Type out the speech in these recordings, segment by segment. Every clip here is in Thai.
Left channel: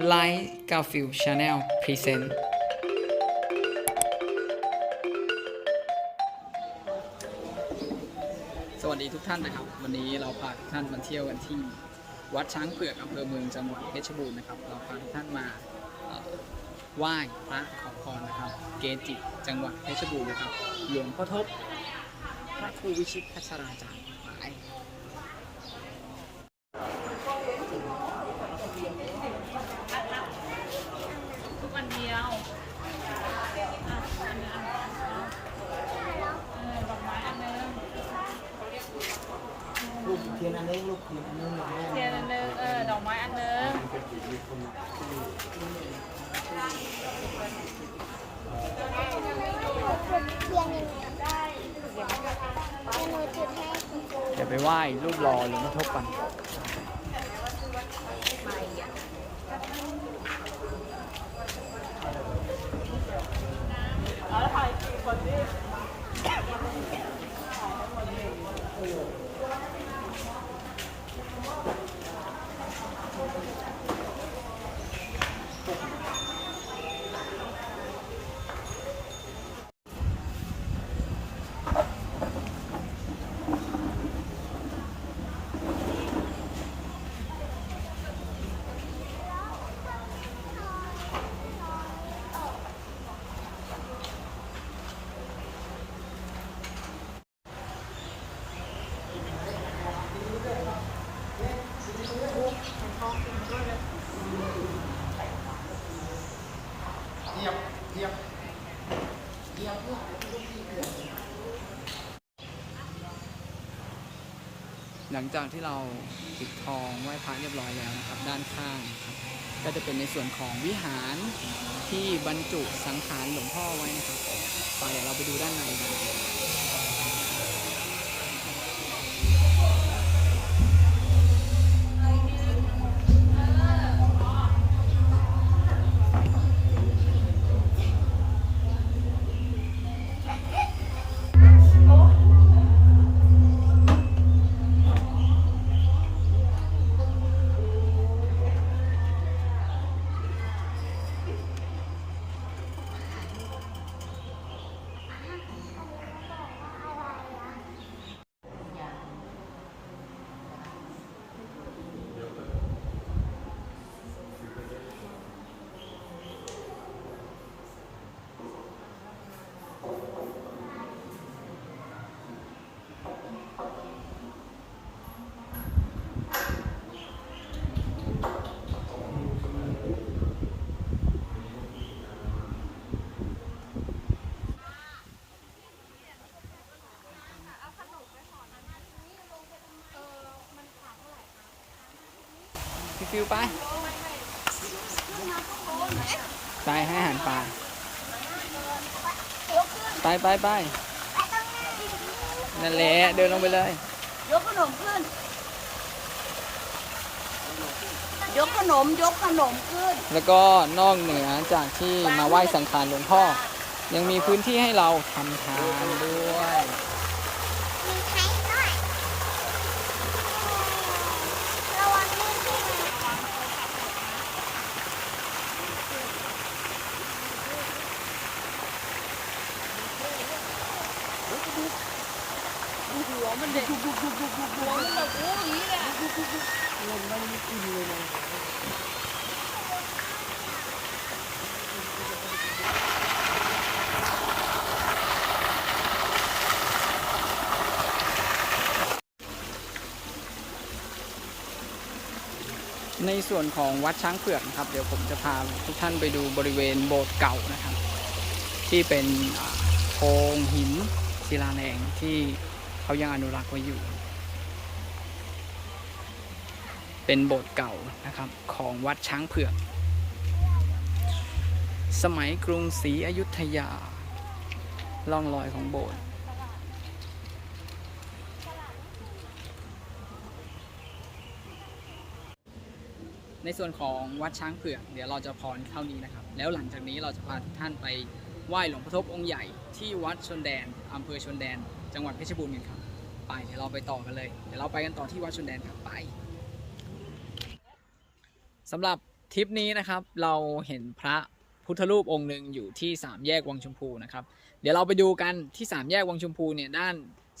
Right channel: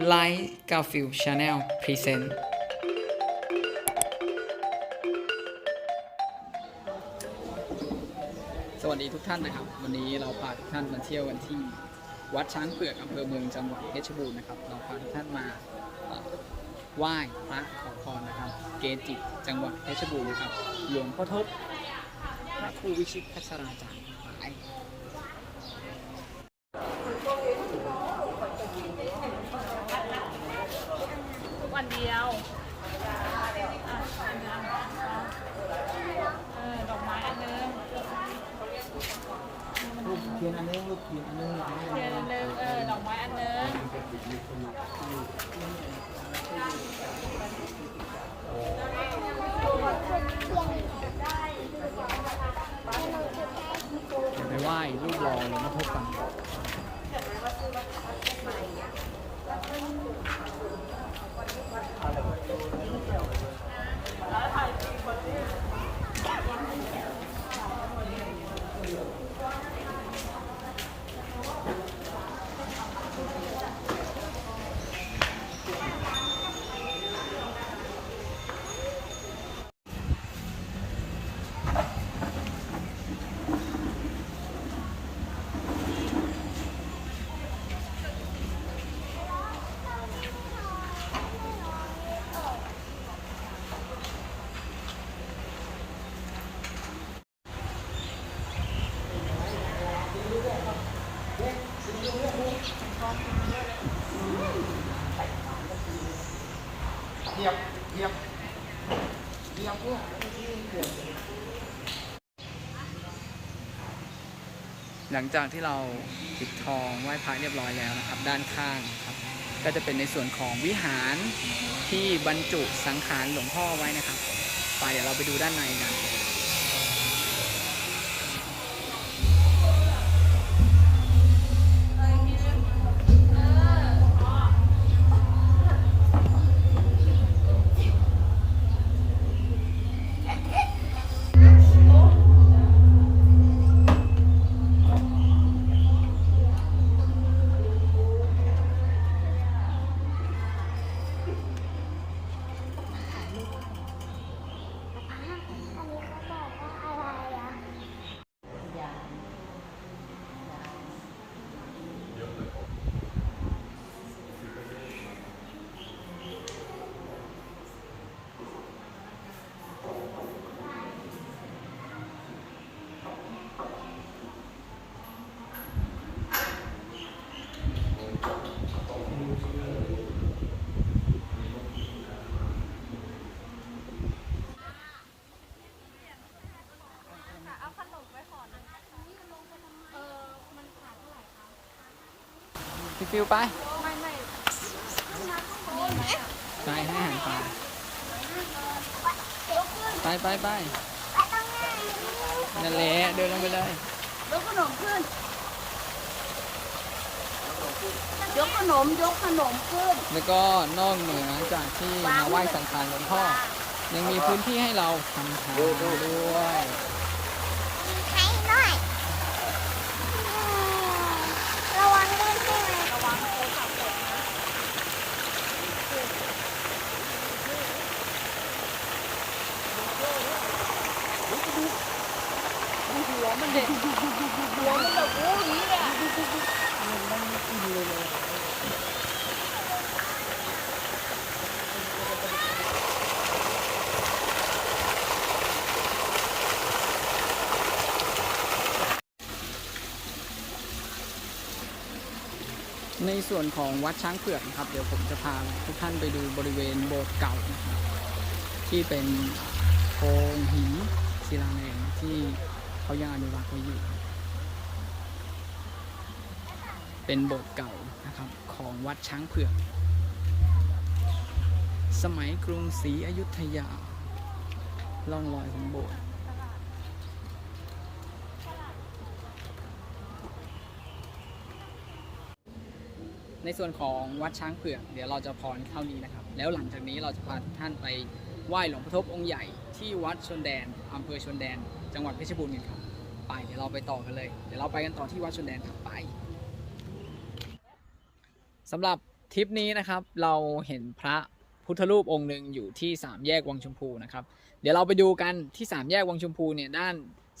ไลท์กาฟิลชาแนลพรีเซนต์สวัสดีทุกท่านนะครับ วันนี้เราพาทุกท่านมาเที่ยวกันที่วัดช้างเผือกอำเภอเมืองจังหวัดเพชรบูรณ์นะครับ เราพาทุกท่านมาไหว้พระขอพรนะครับ เกจิจังหวัดเพชรบูรณ์นะครับ หลวงพ่อทบพระครูวิชิตพัชราจารย์หมาย ทุกวันเดียวอะอันนึงเออดอกไม้อันนึงเทียนอันนึงลูกเทียนอันนึงเทียนอันนึงเออดอกไม้อันนึงเดี๋ยวไปไหว้รูปรอหลวงพ่อทบกัน หลังจากที่เราปิดทองไหว้พระเรียบร้อยแล้วนะครับ ด้านข้างครับ ก็จะเป็นในส่วนของวิหารที่บรรจุสังขารหลวงพ่อไว้นะครับ ไปเดี๋ยวเราไปดูด้านในกัน พี่ฟิวไปไม่ไม่ไปให้อาหารปลาไปไปไปนั่นแหละเดินลงไปเลยยกขนมขึ้นยกขนมยกขนมขึ้น แล้วก็นอกเหนือจากที่มาไหว้สังขารหลวงพ่อ ยังมีพื้นที่ให้เราทำทานด้วย มีไข่ด้วยระวังลื่นขึ้นเลย ระวังโทรศัพท์ตกนะ ดูหัว มันเด็กหัวมันแบบโอ้ยนี่แหละในส่วนของวัดช้างเผือกนะครับ เดี๋ยวผมจะพาทุกท่านไปดูบริเวณโบสถ์เก่านะครับ ที่เป็นโครงหินศิลาแรงที่ เขายังอนุรักษ์ไว้อยู่ เป็นโบสถ์เก่านะครับของวัดช้างเผือก สมัยกรุงศรีอยุธยาล่องรอยของโบสถ์ในส่วนของวัดช้างเผือก เดี๋ยวเราจะพรเท่านี้นะครับ แล้วหลังจากนี้เราจะพาทุกท่านไป ไหว้หลวงพ่อทบองค์ใหญ่ที่วัดชนแดนอำเภอชนแดน จังหวัดเพชรบูรณ์กันครับ ไปเดี๋ยวเราไปต่อกันเลย เดี๋ยวเราไปกันต่อที่วัดชนแดนครับไปสำหรับทริปนี้นะครับเราเห็นพระพุทธรูปองค์หนึ่งอยู่ที่สามแยกวังชมพูนะครับเดี๋ยวเราไปดูกันที่สามแยกวังชมพูเนี่ยด้าน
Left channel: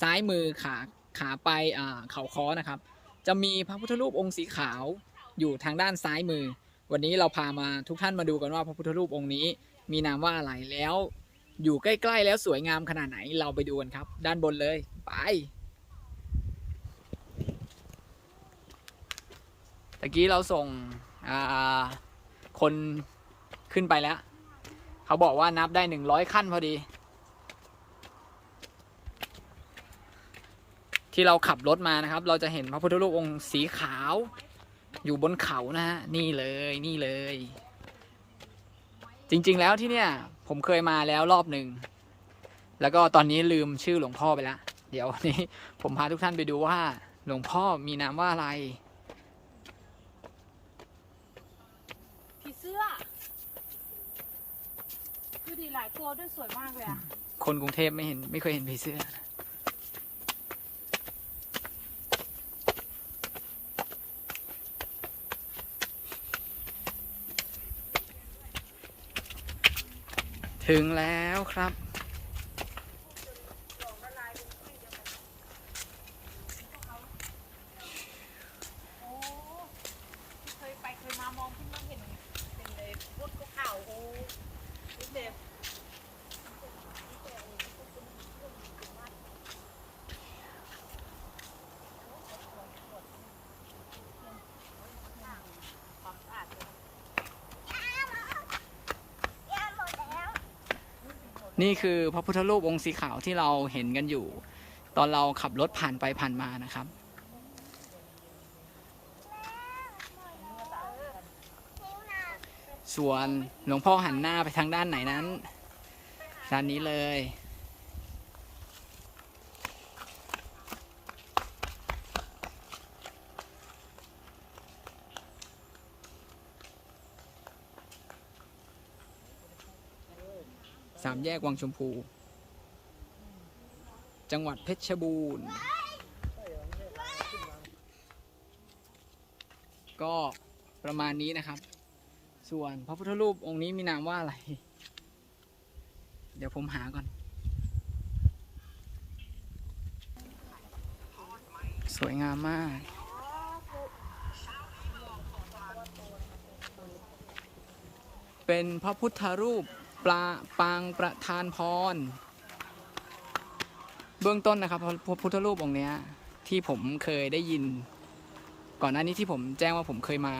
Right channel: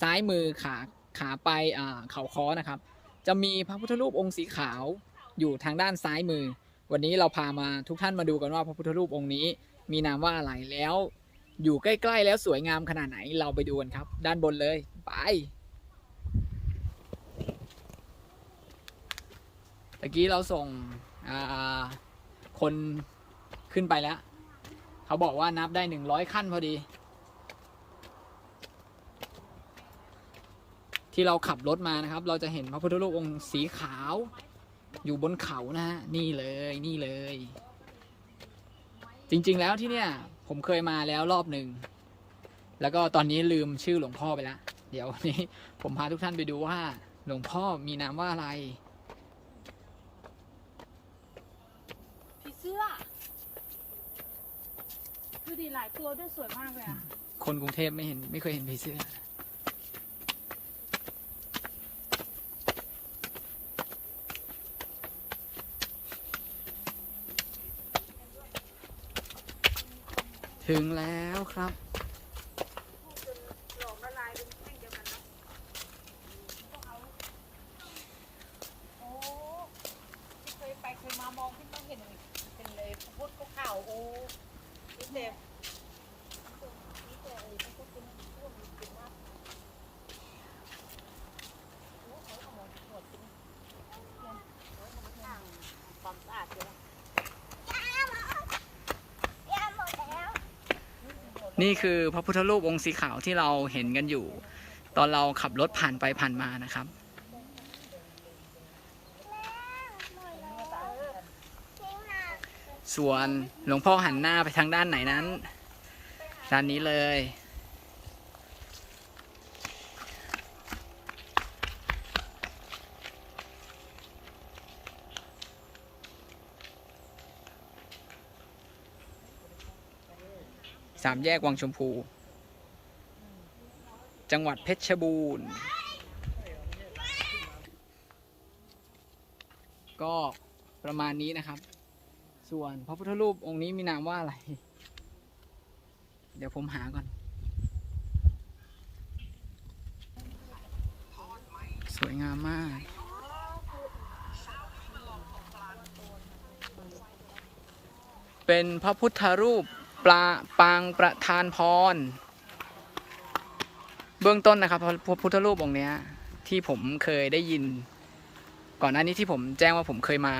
ซ้ายมือขาขาไปเขาค้อนะครับ จะมีพระพุทธรูปองค์สีขาวอยู่ทางด้านซ้ายมือ วันนี้เราพามาทุกท่านมาดูกันว่าพระพุทธรูปองค์นี้ มีนามว่าอะไรแล้ว อยู่ใกล้ๆแล้วสวยงามขนาดไหนเราไปดูกันครับ ด้านบนเลยไปตะกี้เราส่งคนขึ้นไปแล้ว เขาบอกว่านับได้หนึ่งร้อยขั้นพอดี ที่เราขับรถมานะครับ เราจะเห็นพระพุทธรูปองค์สีขาว อยู่บนเขานะฮะนี่เลยนี่เลย จริงๆแล้วที่เนี่ย ผมเคยมาแล้วรอบหนึ่งแล้วก็ตอนนี้ลืมชื่อหลวงพ่อไปแล้วเดี๋ยววันนี้ผมพาทุกท่านไปดูว่า หลวงพ่อมีนามว่าอะไรผีเสื้อคือดีหลายตัวด้วยสวยมากเลยอะคนกรุงเทพไม่เห็นไม่เคยเห็นผีเสื้อ ถึงแล้วครับ เคยไปเคยมามองที่นั่นเห็นเป็นเลยพวกเก่าโอ้เห็น นี่คือพระพุทธรูปองค์สีขาวที่เราเห็นกันอยู่ ตอนเราขับรถผ่านไปผ่านมานะครับ ส่วนหลวงพ่อหันหน้าไปทางด้านไหนนั้น ด้านนี้เลยามแยกวังชมพู จังหวัดเพชรบูรณ์ ก็ประมาณนี้นะครับ ส่วนพระพุทธรูปองค์นี้มีนามว่าอะไร เดี๋ยวผมหาก่อน สวยงามมากเป็นพระพุทธรูป ปลาปางประธานพร เบื้องต้นนะครับพระพุทธรูปองค์เนี้ย ที่ผมเคยได้ยิน ก่อนหน้านี้ที่ผมแจ้งว่าผมเคยมา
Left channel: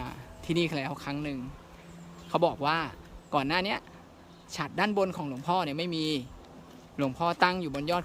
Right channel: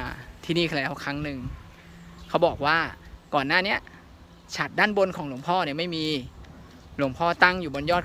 ที่นี่แล้วครั้งหนึ่งเขาบอกว่าก่อนหน้าเนี้ยฉัดด้านบนของหลวงพ่อเนี่ยไม่มีหลวงพ่อตั้งอยู่บนยอด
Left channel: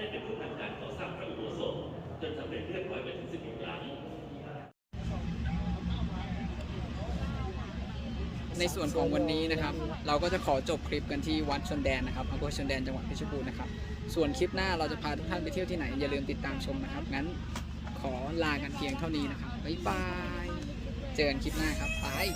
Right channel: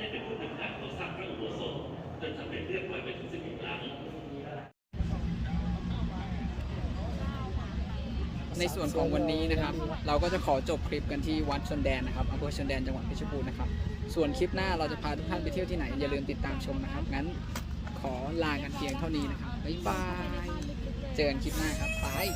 ได้เป็นผู้นำการก่อสร้างพระอุโบสถจนสำเร็จเรียบร้อยไปถึง16หลังในส่วนของวันนี้นะครับ เราก็จะขอจบคลิปกันที่วัดชนแดนนะครับอำเภอชนแดนจังหวัดเพชรบูรณ์นะครับ ส่วนคลิปหน้าเราจะพาทุกท่านไปเที่ยวที่ไหน อย่าลืมติดตามชมนะครับ งั้นขอลากันเพียงเท่านี้นะครับบ๊ายบาย เจอกันคลิปหน้าครับบาย